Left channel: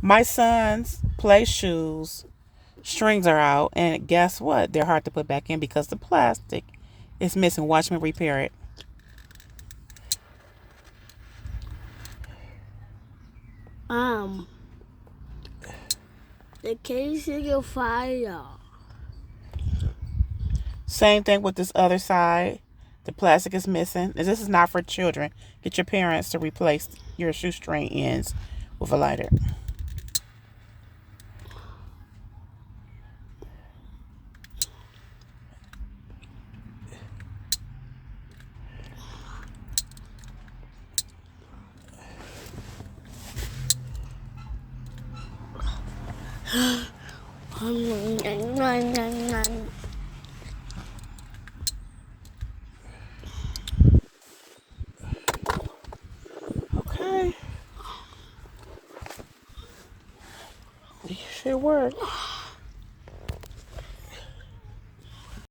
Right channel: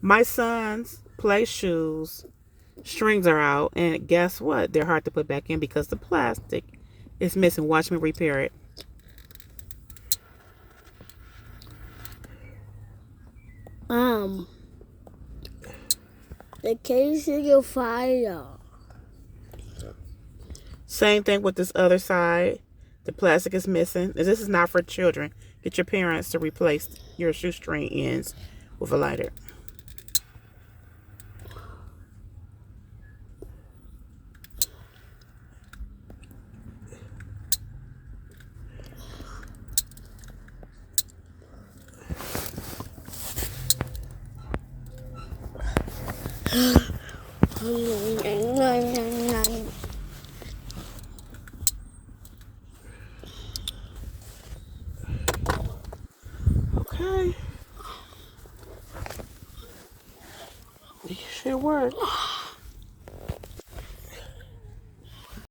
My son's play shoes strings are out, and guess what? They're hard to put back in because the plastic is missing. Watch me repair it. Um, the case is on fire. Same thing with this other side. The plastic is missing. This is not for children. Get your parents to replace your shoestring ends with a lighter. Okay. It should work.